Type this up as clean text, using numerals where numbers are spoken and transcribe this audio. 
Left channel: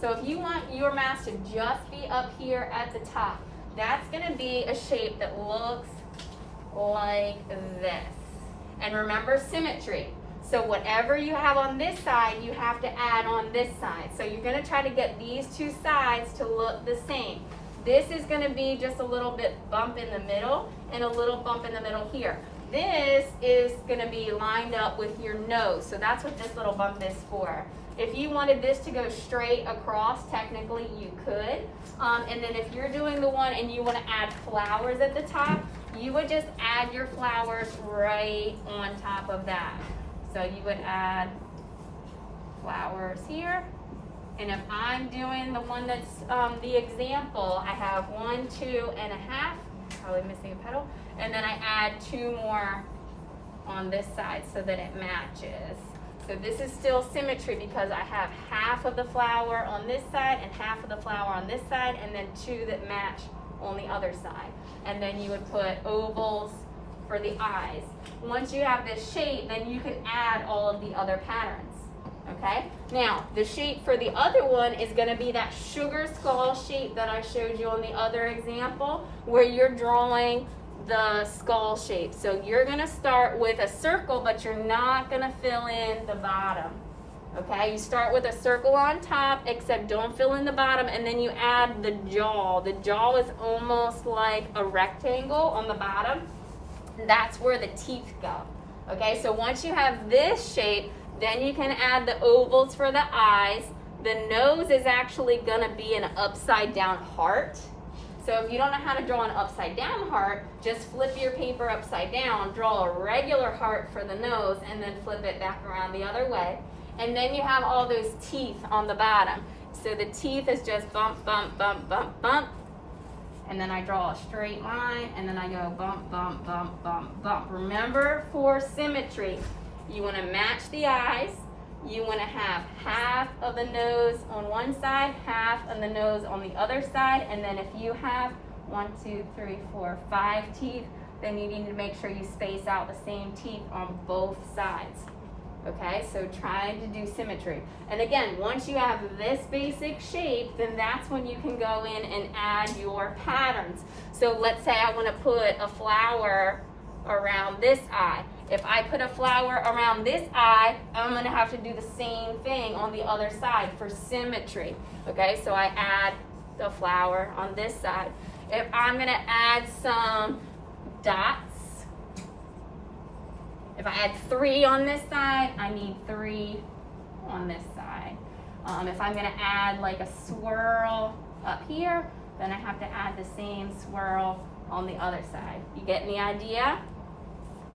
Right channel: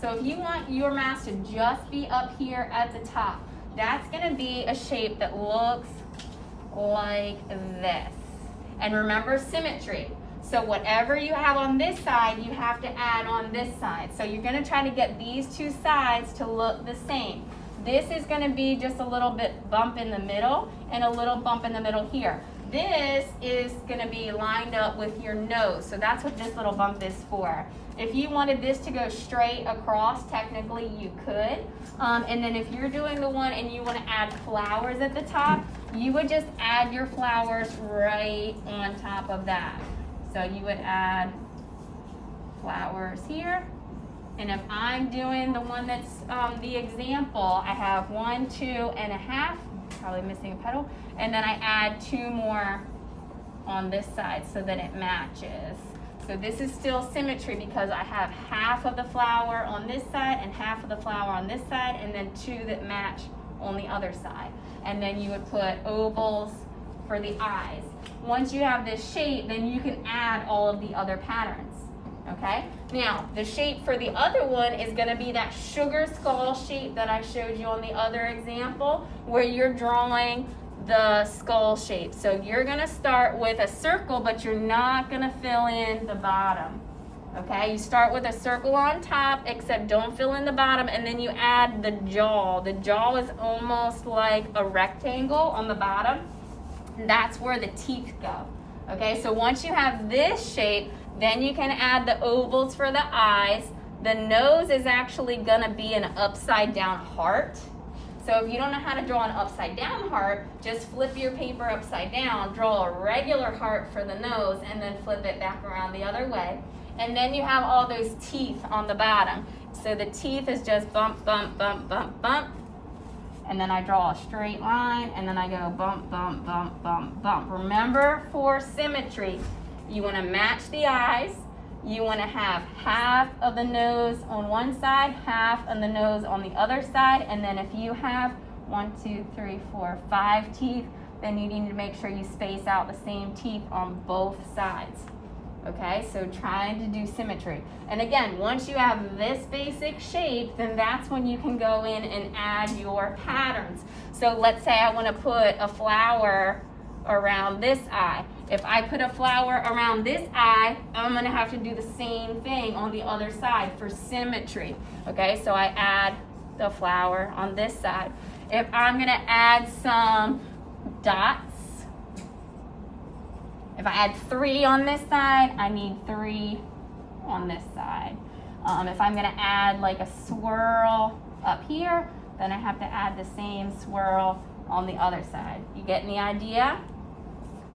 So if you want your mask to just be up here at the top, that's gonna be a shape that looks like this. And remember symmetry. So whatever you have on this side, you have to add on this side. So you're gonna try to get these two sides to look the same. This is gonna be just a little bit bump in the middle and a little bump in the middle here. This is gonna be lined up with your nose. So that's what this little bump is for. If you wanted this to go straight across, technically you could. And then if you're doing the one and you wanna add flowers at the top, you would just add your flowers right on top of that. So you would add flowers here. And if I'm doing the one that's the example, I have 1, 2.5, probably missing a petal. And then I add 2 more on this side so that it matches. So this is still symmetry because I have half of the flower on this side and half of the flower on this side, and then 2 that match on the other side. And then you would put ovals for the eyes. Once you have this shape, then you can add all of the other patterns, okay? Now, the shape for the other one is gonna be that sugar skull shape that I showed you on the other example, where you're drawing the skull shape. So you're gonna start with a circle, but you're not gonna fill in the bottom, okay? You start with a circle on top, except don't fill in the bottom, and then you add the jaw. The jaw is almost like a rectangle on the bottom. That's where the teeth go, okay? So once you have this shape, then you can add the ovals for the eyes. The nose is actually gonna be an upside down heart. So if you don't know how to draw an upside down heart, just flip your paper upside down, draw a regular heart for the nose, and then flip it back around the other way. And then you have all those teeth on the bottom. So the teeth is just bump, bump, bump, bump, bump. And then I draw a straight line, and then I go bump, bump, bump, bump, bump. Remember, for symmetry, you wanna match the eyes. You wanna have half of the nose on one side, half of the nose on the other side, and then if you have 1, 2, 3, 4, 5 teeth, then you need to make sure you space out the same teeth on both sides. Okay, so trying to do symmetry. And again, once you have this basic shape, then that's when you can go in and add your patterns. So let's say I want to put a flower around this eye. If I put a flower around this eye, I'm going to have to do the same thing on the other side for symmetry. Okay, so I add the flower on this side. If I'm going to add some dots, if I add 3 on this side, I need 3 on this side. If I'm gonna add like a swirl up here, then I have to add the same swirl on the other side. You getting the idea?